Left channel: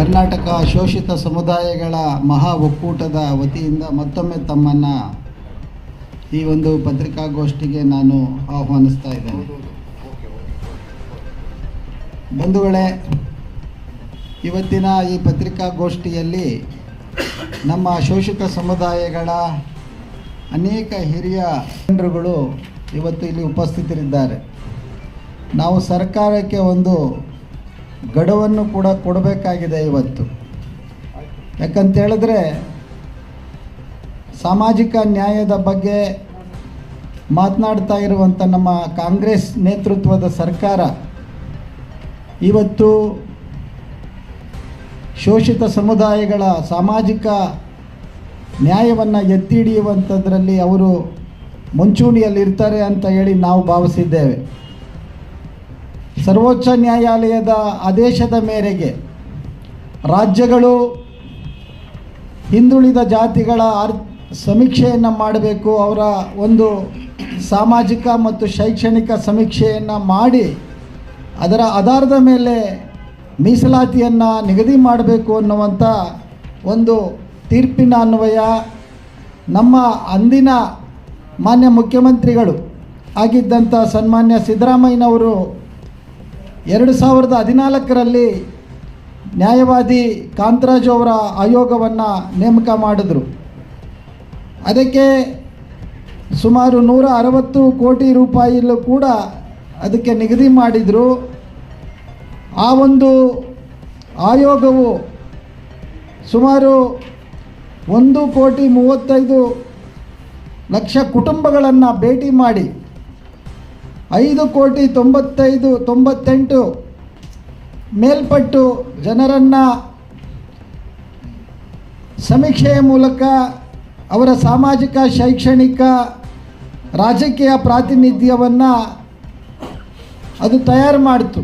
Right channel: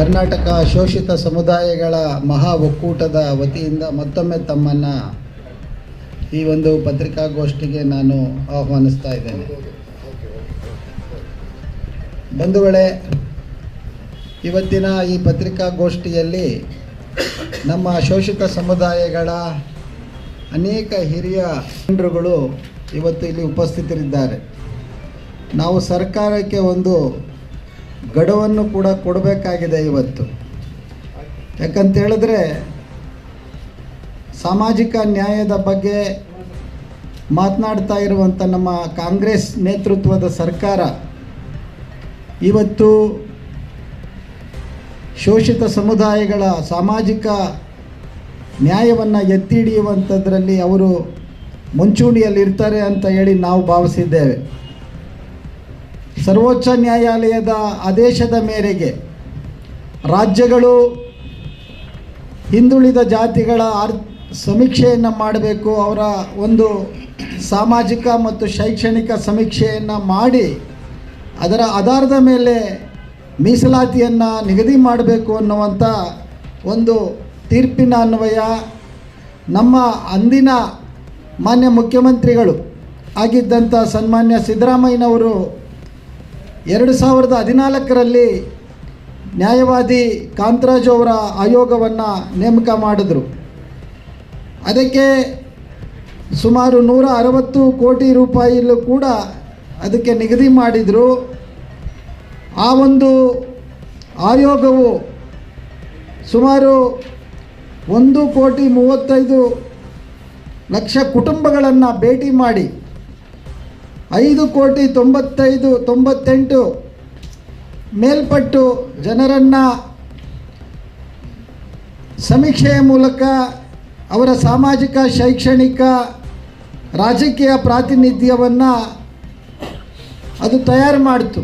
ಕರ್ನಾಟಕ ಶೋಷಿತ ಸಮುದಾಯಗಳ ಮಹಾ ಒಕ್ಕೂಟದ ವತಿಯಿಂದ ಮತ್ತೊಮ್ಮೆ ತಮ್ಮನ್ನು ಈ ಒಂದು ಪತ್ರಿಕಾಗೋಷ್ಠಿಗೆ ನಾನು ಆಹ್ವಾನಿಸ್ತಾ ಇದ್ದೇನೆ. ಬಂಧುಗಳೇ, ಇವತ್ತಿನ ಈ ಪತ್ರಿಕಾಗೋಷ್ಠಿಯಲ್ಲಿ ನಮ್ಮ ಶೋಷಿತ ಸಮುದಾಯಗಳ ಅನೇಕ ಹಿರಿಯ ಜನರುಗಳು ಇವತ್ತು ಇಲ್ಲಿ ಉಪಸ್ಥಿತರಿದ್ದಾರೆ. ನಾವು ಸರ್ಕಾರಕ್ಕೆ ಒಂದು ಗಡುವನ್ನು ಕೂಡ ಕೊಡಬೇಕಾಗಿದೆ ಇವತ್ತು. ಯಾಕಂತ ಹೇಳಿದ್ರೆ, ಸಾಮಾಜಿಕ ನ್ಯಾಯದ ಬಗ್ಗೆ ಮಾತನಾಡ್ತಾ ಇರುವಂಥ ನಮ್ಮ ಕಾಂಗ್ರೆಸ್ ನೇತೃತ್ವದ ಸರ್ಕಾರ ಇವತ್ತು ಶೋಷಿತ ಸಮುದಾಯಗಳ ಸಾಮಾಜಿಕ ನ್ಯಾಯವನ್ನು ಎತ್ತಿ ಹಿಡಿಯುವಂಥದ್ರಲ್ಲಿ ಅವರು ಮುಂಚೂಣಿಯಲ್ಲಿರ್ತಾರೆ ಅಂತ ಹೇಳಿ ನಾವು ಭಾವಿಸಿದ್ದೇವೆ. ಸರ್ವೋಚ್ಚ ನ್ಯಾಯಾಲಯದ ಆದೇಶದ ಮೇರೆಗೆ ರಾಜ್ಯಗಳು ಹಿಂದುಳಿದ ಜಾತಿಗಳ ಅರ್ ಸಮೀಕ್ಷೆಯನ್ನು ಮಾಡಬೇಕು, ಅವರ ಒಂದು ಸಾಮಾಜಿಕ ಮತ್ತು ಶೈಕ್ಷಣಿಕ ಸಮೀಕ್ಷೆಯನ್ನು ಮಾಡಿ ಅದರ ಆಧಾರದ ಮೇಲೆ ಮೀಸಲಾತಿಯನ್ನು ನಿಗದಿ ಮಾಡಬೇಕು ಅನ್ನುವಂಥ ಒಂದು ತೀರ್ಪಿನ ಅನ್ವಯ ನಮ್ಮ ಅಂದಿನ ಮಾನ್ಯ ಮುಖ್ಯಮಂತ್ರಿಗಳು ಆಗಿದ್ದಂಥ ಸನ್ಮಾನ್ಯ ಸಿದ್ದರಾಮಯ್ಯನವರು ಎರಡು ಸಾವಿರದ ಹದಿನಾಲ್ಕರಲ್ಲಿ ನ್ಯಾಯವಾದಿ ಕಾಂತರಾಜ್ ಅವರ ಆಯೋಗವನ್ನು ನೇಮಕ ಮಾಡಿದರು. ಅದಕ್ಕೆ ಸುಮಾರು ನೂರ ಅರವತ್ತು ಕೋಟಿ ರೂಪಾಯಿಯಲ್ಲೂ ಕೂಡ ಅದಕ್ಕೆ ನಿಗದಿ ಮಾಡಿದರು. ಆ ಒಂದು ಆಯೋಗವು ಸುಮಾರು ಒಂದು ಕೋಟಿ ಮೂವತ್ತೈದು ಲಕ್ಷ ಕುಟುಂಬಗಳನ್ನು ಭೇಟಿ ಮಾಡಿ ಐದು ಕೋಟಿ ತೊಂಬತ್ತೈದು, ತೊಂಬತ್ತೆಂಟು ಮೇಲ್ಪಟ್ಟು ಜನರನ್ನು ಸಮೀಕ್ಷೆಯ ಮೂಲಕ ಅವರ ಸಾಮಾಜಿಕ, ಶೈಕ್ಷಣಿಕ, ರಾಜಕೀಯ ಪ್ರಾತಿನಿಧ್ಯವನ್ನು ಅದು ತಯಾರು ಮಾಡಿತು.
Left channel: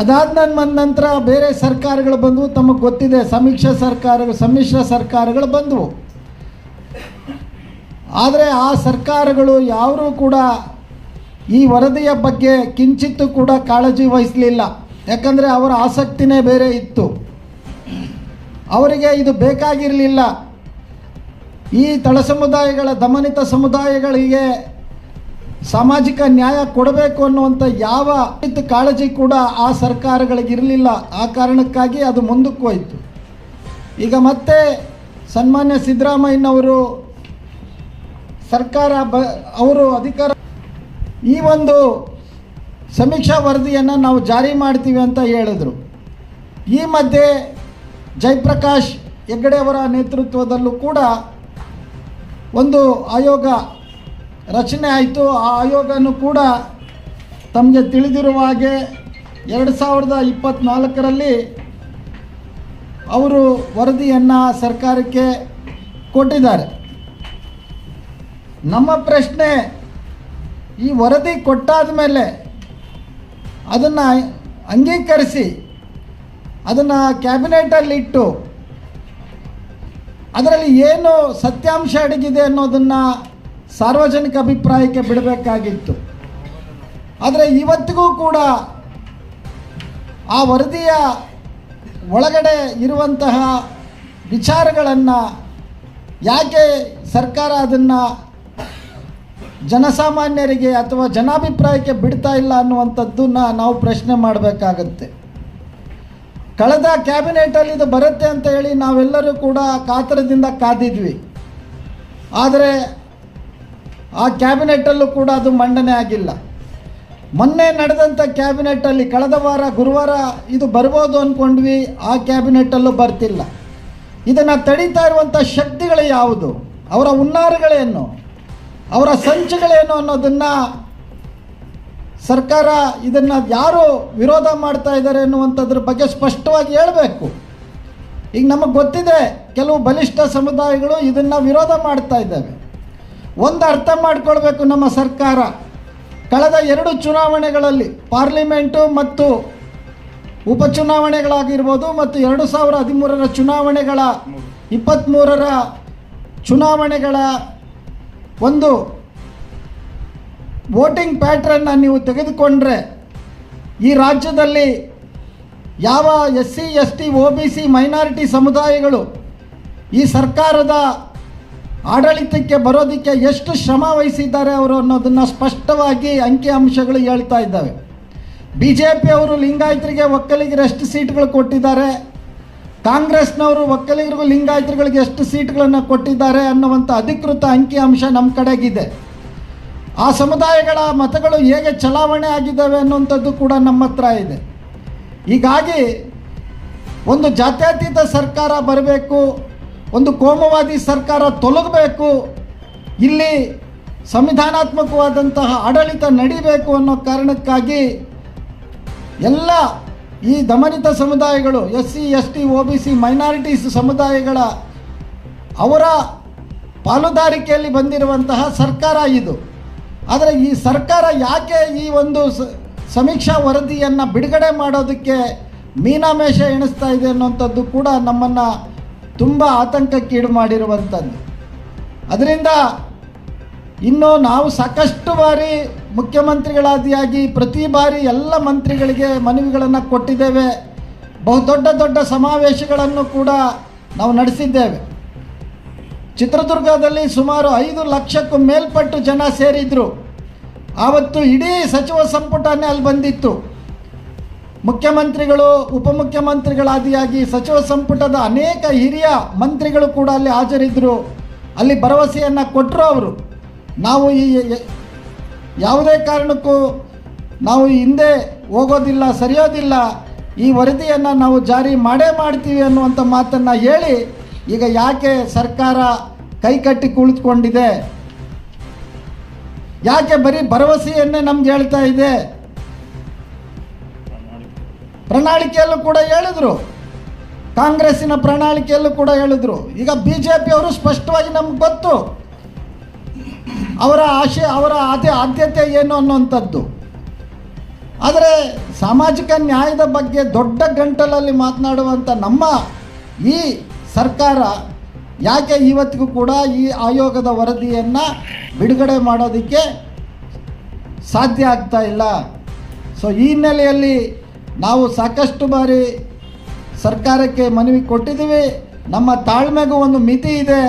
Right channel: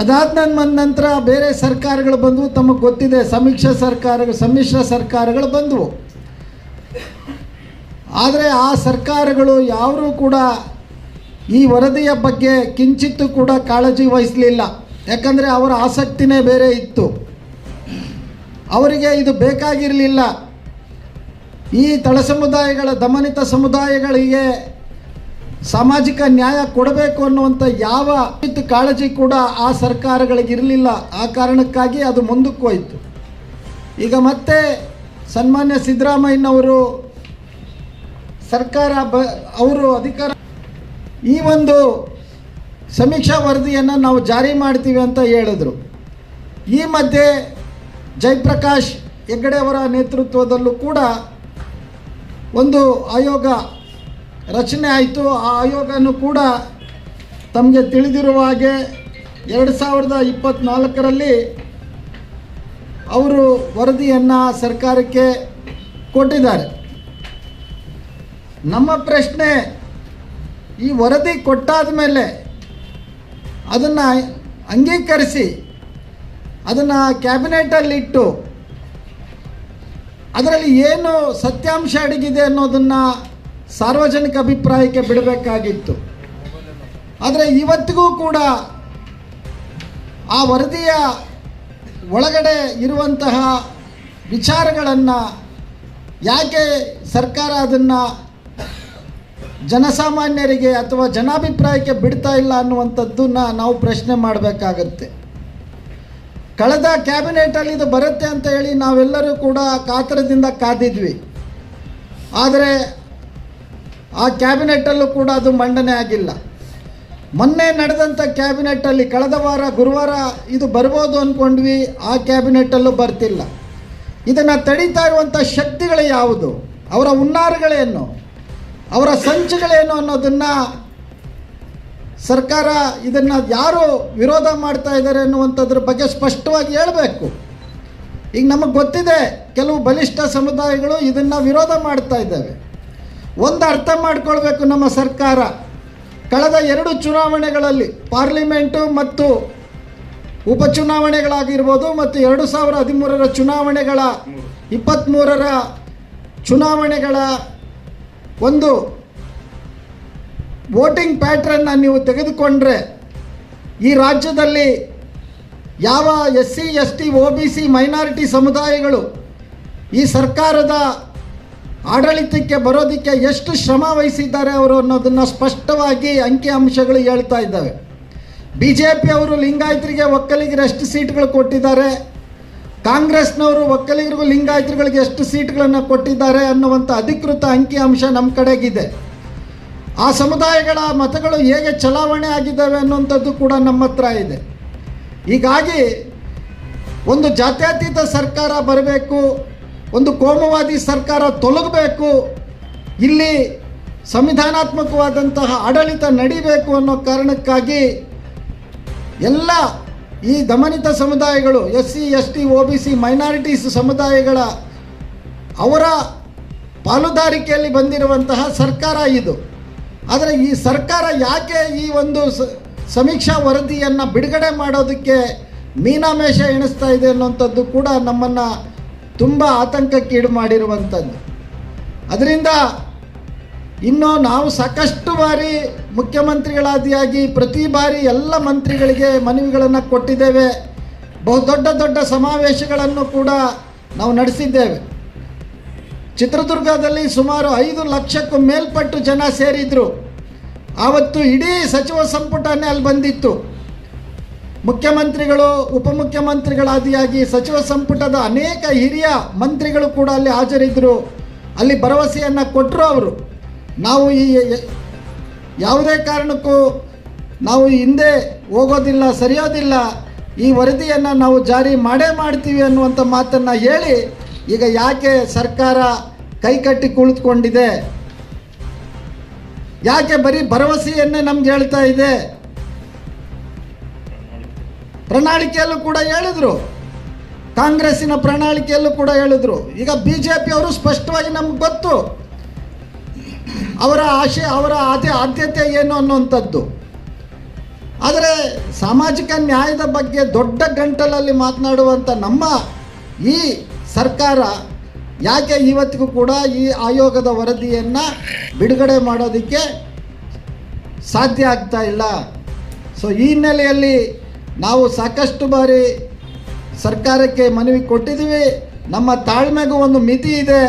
ಅದಾದ ನಂತರ ಬೇರೆ ಸರ್ಕಾರಗಳು ಬಂದವು, ತಮಗೆ ಗೊತ್ತಿದೆ, ಸಮೀಕ್ಷಾ ಸರ್ಕಾರಗಳು, ಸಮ್ಮಿಶ್ರ ಸರ್ಕಾರಗಳು ಬಂದವು. ಆದರೆ ಆ ಸರ್ಕಾರಗಳು ಯಾರೂ ಕೂಡ ಈ ವರದಿಯ ಬಗ್ಗೆ ಕಿಂಚಿತ್ತೂ ಕೂಡ ಕಾಳಜಿ ವಹಿಸಲಿಲ್ಲ. ಯಾಕಂದರೆ ಅವರ ಆಸಕ್ತಿನೇ ಬೇರೆ ಇತ್ತು. ಅವರಿಗೆ ಇದು ಬೇಕಾಗಿರಲಿಲ್ಲ. ಈ ತಳ ಸಮುದಾಯಗಳ, ದಮನಿತ ಸಮುದಾಯಗಳಿಗೆ ಸಾಮಾಜಿಕ ನ್ಯಾಯ ಕೊಡಬೇಕು ಅನ್ನುವಂಥ ಯಾವ ಕಾಳಜಿ ಕೂಡ ಆ ಸರ್ಕಾರಗಳಿಗೆ ಇರಲಿಲ್ಲ. ಆ ಕಾರಣಕ್ಕಾಗಿ ಅದು ಮುಂದಕ್ಕೆ ಹೋಯಿತು. ಈಗ ಮತ್ತೆ ಸನ್ಮಾನ್ಯ ಸಿದ್ದರಾಮಯ್ಯನವರು ಸರ್ಕಾರ ಬ, ಅವರು ಅಧಿಕಾರ ಈ ಒಂದು ಸಮೀಕ್ಷಾ ವರದಿಯನ್ನು ನಾವು ಜಾರಿ ಮಾಡ್ತೀವಿ ಅಂತ ಹೇಳಿದರು. ಈ ಮಧ್ಯೆ ಜಯಪ್ರಕಾಶ್ ಹೆಗ್ಗಡೆ ಅವರ ನೇತೃತ್ವದಲ್ಲೂ ಕೂಡ ಒಂದು ಆಯೋಗ ರಚನೆ ಆಯಿತು. ಆ ಆಯೋಗನೂ ಕೂಡ ತಮಗೆ ತಿಳಿದಿರುವ ಹಾಗೆ ಎರಡು ಸಾವಿರದ ಇಪ್ಪತ್ತ್ನಾಲ್ಕರಲ್ಲಿ ಅವರು ವರದಿಯನ್ನು ಸರ್ಕಾರಕ್ಕೆ ಕೊಟ್ಟಿದ್ದಾರೆ. ನಮ್ಮ ಪ್ರಶ್ನೆ ಈ ವರದಿ ಕೊಟ್ಟಾದ ಮೇಲೆ ಅದನ್ನು ಅಂಗೀಕರಿಸಿ, ಅದನ್ನು ಕ್ಯಾಬಿನೆಟಲ್ಲಿಟ್ಟು ಅದರಲ್ಲಿ ಏನು ಸತ್ಯಾಂಶ ಅಡಗಿದೆ ಅನ್ನೋದನ್ನು ಸಾರ್ವಜನಿಕ ಅಭಿಪ್ರಾಯಕ್ಕೆ ಬಿಡಬೇಕಾಗಿತ್ತು. ಆದರೆ ಇವತ್ತಿಗೂ ಕೂಡ ಆ ವರದಿಯ ಒಳಗಡೆ ಇರುವಂತಹ ವಿಚಾರಗಳನ್ನು ಯಾಕೆ ಸರ್ಕಾರ ಅದನ್ನು ಜನಸಾಮಾನ್ಯರಿಗೆ ಅಥವಾ ಜನಾಭಿಪ್ರಾಯಕ್ಕೆ ಬಿಡ್ತಾ ಇಲ್ಲ ಅನ್ನುವಂಥದ್ದನ್ನು ನಾವು ಪ್ರಶ್ನೆ ಮಾಡಬೇಕಾಗತ್ತೆ. ಕಳೆದ ಕ್ಯಾಬಿನೆಟಲ್ಲಿ ಇದು ಬರುತ್ತೆ ಅಂತ ಹೇಳಿ ನಾವೆಲ್ಲರೂ ಕೂಡ ಕಾತರದಿಂದ ಕಾದಿದ್ವಿ. ಆದರೆ ಆ ಕ್ಯಾಬಿನೆಟಲ್ಲೂ ಕೂಡ ಅದು ಮಂಡನೆ ಆಗಿಲ್ಲ. ಮೊನ್ನೆ ನಡೆದಂಥ ಕ್ಯಾಬಿನೆಟಲ್ಲಿ ಕಳೆದ ವಾರ, ಗುರುವಾರ ಇದು ಬರ್ಬೋದು ಅಂದ್ಕೊಂಡ್ವಿ, ಆ ಕ್ಯಾಬಿನೆಟಲ್ಲೂ ಬರ್ತಿಲ್ಲ. ಇದನ್ನು ತಡೀತಾ ಇರುವಂಥ ಶಕ್ತಿಗಳು ಯಾವುದು? ಅವರ ಹುನ್ನಾರಗಳೇನು? ಅವರ ಸಂಚುಗಳೇನು ಅನ್ನೋದನ್ನು ಸರ್ಕಾರ ಇದನ್ನು ಯಾರು ವಿರೋಧ ಮಾಡ್ತಾ ಇದ್ದಾರೆ ಅನ್ನುವಂಥದ್ರ ಬಗ್ಗೆ ಸ್ಪಷ್ಟವಾಗಿ ಹೇಳಬೇಕು. ಈಗ ನಮಗೆ ಗೊತ್ತಿದೆ ಕೆಲವು ಬಲಿಷ್ಠ ಸಮುದಾಯಗಳು ಇದನ್ನು ವಿರೋಧ ಮಾಡ್ತಾ ಇದ್ದಾವೆ. ಒಂದು ಅರ್ಥ ಮಾಡಿಕೊಳ್ಬೇಕು ನಮ್ಮ ಸರ್ಕಾರ. ಕಳೆದ ಎರಡು ಚುನಾವಣೆಗಳಲ್ಲಿ ಪಾರ್ಲಿಮೆಂಟು ಮತ್ತು ಉಪಚುನಾವಣೆಗಳಾಗಿರ್ಬೋದು ಮತ್ತು ಎರಡು ಸಾವಿರ ಹದಿಮೂರರ ಚುನಾವಣೆಗಳ ಇಪ್ಪತ್ತ್ಮೂರರ ಚುನಾವಣೆಗಳ ಒಂದು ವೋಟಿಂಗ್ ಪ್ಯಾಟ್ರನ್ನ ನೀವು ತೆಗೆದುಕೊಂಡ್ರೆ ಈ ರಾಜ್ಯದಲ್ಲಿ ಯಾವ S C S T O B C minority ಸಮುದಾಯಗಳು ಈ ಸರ್ಕಾರದ ಆಡಳಿತಕ್ಕೆ ಬರೋದಕ್ಕೆ ಎಷ್ಟು ಶ್ರಮ ವಹಿಸಿದ್ದಾರೆ ಅವರು ಅನ್ನೋದನ್ನು ಸ್ಪಷ್ಟವಾಗಿ ಅಂಕಿ ಅಂಶಗಳು ಹೇಳ್ತಾ ಇದ್ದಾವೆ. ಬಿ ಜೆ ಪಿಯವರು ಲಿಂಗಾಯತರಿಗೆ ಒಕ್ಕಲಿಗರು ಎಷ್ಟು ಸೀಟ್ಗಳು ಕೊಟ್ಟಿದ್ದಾರೆ. ಕಾಂಗ್ರೆಸ್ನವರು ಒಕ್ಕಲಿಗರಿಗೂ ಲಿಂಗಾಯತರುಗಳಿಗೆ ಎಷ್ಟು ಸೀಟ್ಗಳನ್ನು ಕೊಟ್ಟಿದ್ದಾರೆ ಅನ್ನುವಂಥ ಅಧಿಕೃತ ಅಂಕಿ ಅಂಶ ನಮ್ಮ ಕಡೆಗಿದೆ. ಆ ಸಮುದಾಯಗಳ ಮತಗಳು ಹೇಗೆ ಚಲಾವಣೆ ಆಗಿದ್ದಾವೆ ಅನ್ನುವಂಥದ್ದು ಕೂಡ ನಮ್ಮ ಹತ್ರ ಇದೆ. ಹೀಗಾಗಿ ಒಂದು ಜಾತ್ಯತೀತ ಸರ್ಕಾರ ಬರಬೇಕು, ಒಂದು ಕೋಮುವಾದಿ ಸರ್ಕಾರ ತೊಲಗಬೇಕು, ಇಲ್ಲಿ ಸಂವಿಧಾನಾತ್ಮಕವಾದಂತಹ ಆಡಳಿತ ನಡಿಬೇಕು ಅನ್ನೋ ಕಾರಣಕ್ಕಾಗಿ ಎಲ್ಲ ಈ ದಮನಿತ ಸಮುದಾಯಗಳು S C S T O B C minorities ಸಮುದಾಯಗಳ ಅವರ ಪಾಲುದಾರಿಕೆಯಲ್ಲಿ ಬಂದಿರುವಂತಹ ಸರ್ಕಾರ ಇದು. ಆದರೆ ಈ ಸರ್ಕಾರ ಯಾಕೆ ಈ ಒಂದು ಸಮೀಕ್ಷಾ ವರದಿಯನ್ನು ಬಿಡುಗಡೆ ಮಾಡೋದಕ್ಕೆ ಮೀನಾಮೇಷ ಎಣಿಸ್ತಾ ಇದೆ ಅನ್ನೋಂಥದ್ದು ಕೂಡ ನಮ್ಮನ್ನು ತುಂಬ ಆತಂಕಕ್ಕೀಡು ಮಾಡಿರುವಂಥದ್ದು. ಅದರಿಂದ ಇನ್ನು ನಾವು ಸಾಕಷ್ಟು ಬಾರಿ ಮುಖ್ಯಮಂತ್ರಿಗಳಾದಿಯಾಗಿ ಪ್ರತಿ ಬಾರಿ ಎಲ್ಲ ಮಂತ್ರಿಗಳಿಗೆ ಮನವಿಗಳನ್ನು ಕೊಟ್ಟಿದ್ದೇವೆ. ಬಹುದೊಡ್ಡ ದೊಡ್ಡ ಸಮಾವೇಶಗಳನ್ನು ಕೂಡ ನಾವು ನಡೆಸಿದ್ದೇವೆ. ಚಿತ್ರದುರ್ಗದಲ್ಲಿ ಸುಮಾರು ಐದು ಲಕ್ಷಕ್ಕೂ ಮೇಲ್ಪಟ್ಟು ಜನ ಸೇರಿದ್ರು. ಆವತ್ತು ಇಡೀ ಸಚಿವ ಸಂಪುಟನೇ ಅಲ್ಲಿ ಬಂದಿತ್ತು. ಮುಖ್ಯಮಂತ್ರಿಗಳು, ಉಪಮುಖ್ಯಮಂತ್ರಿಗಳಾದಿಯಾಗಿ ಸಚಿವ ಸಂಪುಟದ ಅನೇಕ ಹಿರಿಯ ಮಂತ್ರಿಗಳು ಕೂಡ ಅಲ್ಲಿ ಹಾಜರಿದ್ದರು ಅಲ್ಲಿ ಭರವಸೆಯನ್ನು ಕೊಟ್ಟರು ಅವರು. ನಾವು ಈ ಯಾವುದೇ ಕಾರಣಕ್ಕೂ ನಾವು ಹಿಂದೆ ಹೋಗೋದಿಲ್ಲ, ಸರಿಯೋದಿಲ್ಲ, ಈ ವರದಿಯನ್ನು ನಾವು ಜಾರಿ ಮಾಡೇ ಮಾಡ್ತೀವಿ ಅನ್ನುವಂಥ ಮಾತನ್ನು ಹೇಳಿ ಈಗ ಯಾಕೆ ಸರ್ಕಾರ ಕೈಕಟ್ಟಿ ಕುಳಿತುಕೊಂಡಿದೆ? ಯಾಕೆ ಬರೀ ಭರವಸೆಯನ್ನೇ ನಮ್ಗೆ ಹೇಳ್ತಾ ಇದೆ? ಪ್ರಣಾಳಿಕೆಯಲ್ಲೂ ಕೂಡ ಹೇಳಿದ್ರು. ಕಾಂಗ್ರೆಸ್ಸಿನ ಪ್ರಣಾಳಿಕೆಯಲ್ಲೂ ಕೂಡ ಹೇಳಿದ್ರು. ಈಗ ಬಿ ಜೆ ಪಿಯವರು ಸ್ಪಷ್ಟವಾಗಿ ನಮ್ಗೆ ಗೊತ್ತು. ಅವರ ಆಶೆ, ಅವರ ಆದ್ಯ, ಆದ್ಯತೆ ಏನು ಅನ್ನುವಂಥದ್ದು. ಆದರೆ ಸಾಮಾಜಿಕ ನ್ಯಾಯದ ಬಗ್ಗೆ ದೊಡ್ಡ ಗಂಟಲಲ್ಲಿ ಮಾತನಾಡುವಂಥ ನಮ್ಮ ಈ ಸರ್ಕಾರ ಯಾಕೆ ಇವತ್ತಿಗೂ ಕೂಡ ಈ ಆಯೋಗದ ವರದಿಯನ್ನು ಬಿಡುಗಡೆ ಮಾಡೋದಕ್ಕೆ ಸಾಧ್ಯ ಆಗ್ತಾ ಇಲ್ಲ. ಸೊ ಈ ಹಿನ್ನೆಲೆಯಲ್ಲಿ ನಾವು ಸಾಕಷ್ಟು ಬಾರಿ ಸರ್ಕಾರಕ್ಕೆ ಮನವಿ ಕೊಟ್ಟಿದ್ದೀವಿ. ನಮ್ಮ ತಾಳ್ಮೆಗೂ ಒಂದು ಮಿತಿ ಇದೆ.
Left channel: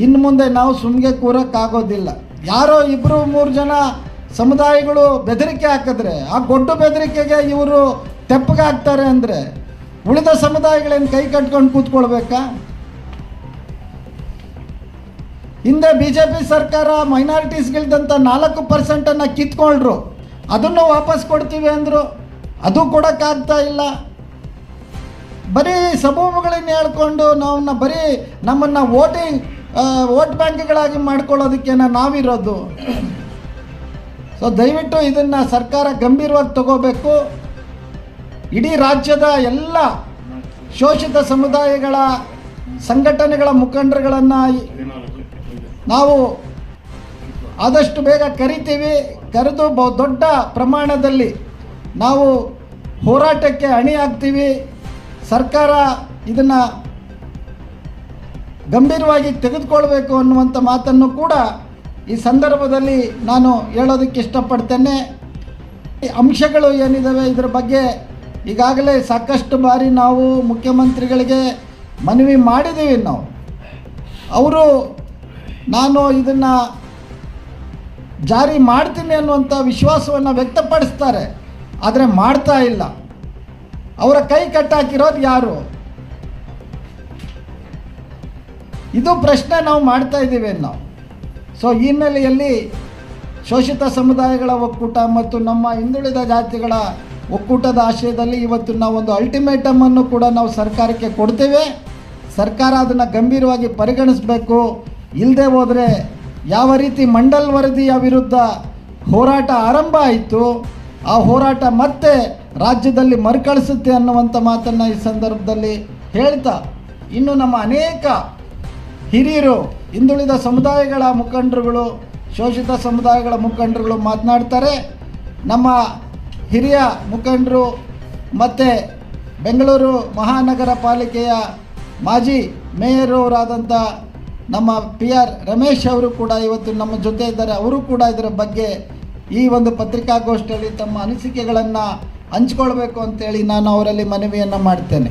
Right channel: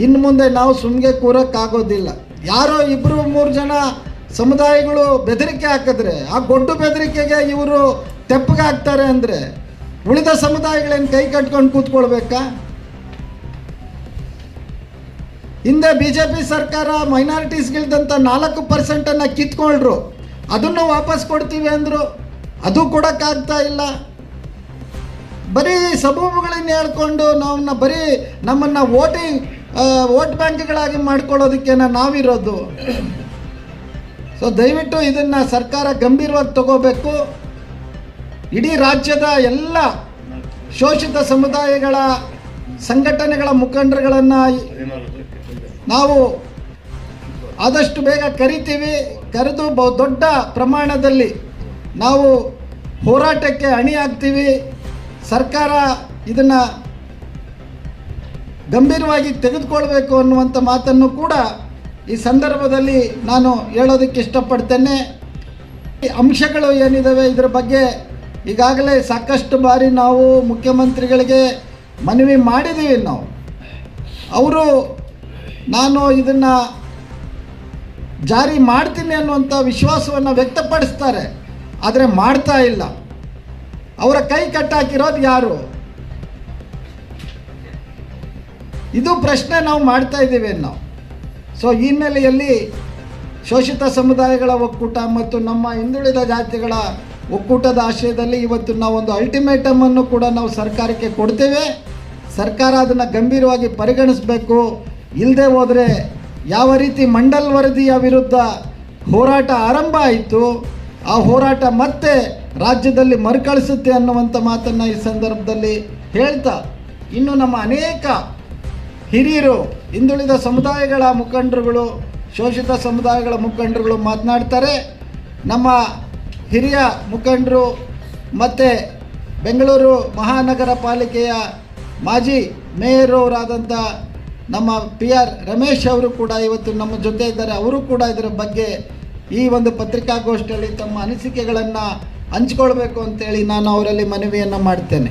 ಇನ್ನು ಮುಂದೆ ನಾವು ಸುಮ್ಮನೆ ಕೂರೋಕ್ಕಾಗೋದಿಲ್ಲ ಯಾರೋ ಇಬ್ಬರು ಮೂರು ಜನ ಸಮುದಾಯಗಳು ಬೆದರಿಕೆ ಹಾಕಿದ್ರೆ, ಆ ಗೊಡ್ಡು ಬೆದರಿಕೆಗೆ ಇವರು ತೆಪ್ಪಗೆ ಹಾಕ್ತಾರೆ ಅಂದರೆ ಉಳಿದ ಸಮುದಾಯಗಳೇನು ಕೈ ಕಟ್ಕೊಂಡು ಕೂತ್ಕೊಳ್ಬೇಕಾ? ಹಿಂದೆ ಬಿ ಜೆ ಪಿ ಸರ್ಕಾರ ಮೈನಾರಿಟೀಸ್ಗಿಲ್ದಂಥ ನಾಲ್ಕು ಪರ್ಸೆಂಟನ್ನು ಕಿತ್ಕೊಂಡ್ರು ಅದನ್ನು ವಾಪಸ್ ಕೊಡ್ತೀವಿ ಅಂದರು. ಅದು ಕೊಡೋಕ್ಕಾಗ್ತಾ ಇಲ್ಲ. ಬರೀ ಸಬೂಬುಗಳನ್ನ ಹೇಳ್ಕೊಂಡು ನಾವನ್ನ ಬರೀ ನಮ್ಮನ್ನು ವೋಟಿಂಗ್ ವೋಟ್ ಬ್ಯಾಂಕ್ಗಳಾಗಿ ಮಾಡ್ಕೊಳ್ಳೋದಕ್ಕೇನ ನಾವಿರೋದು. ಸೊ ದಯವಿಟ್ಟು ಇದನ್ನು ಸರ್ಕಾರ ಗಂಭೀರವಾಗಿ ತಗೋಬೇಕು. ಇಡೀ ರಾಜ್ಯದ ಎಲ್ಲ ಶೋಷಿತ ಸಮುದಾಯಗಳ ಸಂಘಟನೆಗಳ ಮುಖಂಡರುಗಳನ್ನು ನಾವು ಆದಷ್ಟು ಬೇಗ ಕರಿತೀವಿ. ಕರೆದು ಬಹು ದೊಡ್ಡ ಪ್ರಮಾಣದಲ್ಲಿ ನಾವು ಹೋರಾಟಕ್ಕೆ ಅಣಿಯಾಗ್ತೀವಿ. ಸರ್ಕಾರ ಇದನ್ನು ಗಂಭೀರವಾಗಿ ತೆಗೆದುಕೊಳ್ಬೇಕು ಅನ್ನುವಂಥ ಮಾತನ್ನು ಕೂಡ ಈ ಸಂದರ್ಭದಲ್ಲಿ ನಾನು ಹೇಳೋದಕ್ಕೆ ಇಷ್ಟಪಡ್ತೇನೆ. ಈ ಅಂಶಗಳು ಏನಿದ್ದಾವೆ ಇದರ ಬಗ್ಗೆ ಈಗಾಗಲೇ ಸಾಕಷ್ಟು ಬಾರಿ ನಾವು ಮುಖ್ಯಮಂತ್ರಿಗಳಿಗೆ ಮನವಿ ಮಾಡಿದ್ದೀವಿ ನಾವು. ಅವರು ನಾನು ಇದನ್ನು ಜಾರಿ ಮಾಡ್ತೀನಿ ಅನ್ನುವಂಥ ವಿಶ್ವಾಸವನ್ನು ವ್ಯಕ್ತಪಡಿಸ್ತಾರೆ. ಆದರೆ ಮಾಡ್ತಾ ಇಲ್ಲ. ಅವರ ಕೈ ಕಟ್ಟಾಕಿರೋದು ಯಾರು? ಇದು ಪ್ರಶ್ನೆ ನಾವು ಮಾಡ್ತಾ ಇದ್ದೀವಿ ನಾವು ಸೊ ಈ ಹಿನ್ನೆಲೆಯಲ್ಲಿ ಶೋಷಿತ ಸಮುದಾಯಗಳ ಒಕ್ಕೂಟ ಮತ್ತು ನಮ್ಮ ಹಿಂದುಳಿದ ಜಾತಿಗಳ ಒಕ್ಕೂಟದ ಆಶಯದಲ್ಲಿ ಇವತ್ತು ನಾವು ಒಂದು ಅಲ್ಟಿಮೇಟಮ್ ಅನ್ನು ಕೂಡ ನಾವು ಸರ್ಕಾರಕ್ಕೆ ಕೊಡ್ತೇವೆ. ಸರ್ಕಾರ ಅದನ್ನು ಗಂಭೀರವಾಗಿ ಪರಿಗಣಿಸಬೇಕು. ಇಲ್ಲದೆ ಹೋದರೆ ಯಾವ ರೀತಿ ಮಂಡಲ್ ವರದಿಯ ವಿರುದ್ಧ ಹೋರಾಟ ಆರಂಭ ಆಯಿತು, ಆ ಹೋರಾಟ ಮತ್ತೆ ರಾಜ್ಯದಲ್ಲಿ ಮರುಕಳಿಸುತ್ತೆ ಅನ್ನುವಂಥ ಮಾತನ್ನು ಈ ಸಂದರ್ಭದಲ್ಲಿ ಹೇಳ್ತಾ, ಇನ್ನು ನಮ್ಮ ಅನೇಕ ಹಿರಿಯರು, ಹಿಂದುಳಿದ ಸಮುದಾಯಗಳ ಮುಖಂಡರುಗಳು, ಶೋಷಿತ ಸಮುದಾಯಗಳ ಮುಖಂಡರುಗಳು ಮಾತನಾಡ್ತಾರೆ. ನಮ್ಮ ಹಿರಿಯ ಮುಖಂಡರು ಮತ್ತು ಬೆಂಗಳೂರು ಮಹಾನಗರ ಪಾಲಿಕೆಯ ಮಾಜಿ ಮೇಯರವರಾದಂಥ ನಮ್ಮ ಪಿ ಆರ್ ರಮೇಶ್ ಅವರು ಕೂಡ ಇವತ್ತು ನಮ್ಮ ಜೊತೆ ಇದ್ದಾರೆ. ಅವರು ಕೂಡ ಇದರ ಬಗ್ಗೆ ಈ ಒಂದು ಪತ್ರಿಕಾಗೋಷ್ಠಿಯಲ್ಲಿ ತಮ್ಮ ಅನಿಸಿಕೆಗಳನ್ನು ಹಂಚ್ಕೊಳ್ಬೇಕು ಅಂತೇಳಿ ನಾನು ಅವರಲ್ಲಿ ಮನವಿಯನ್ನು ಮಾಡ್ತೇನೆ.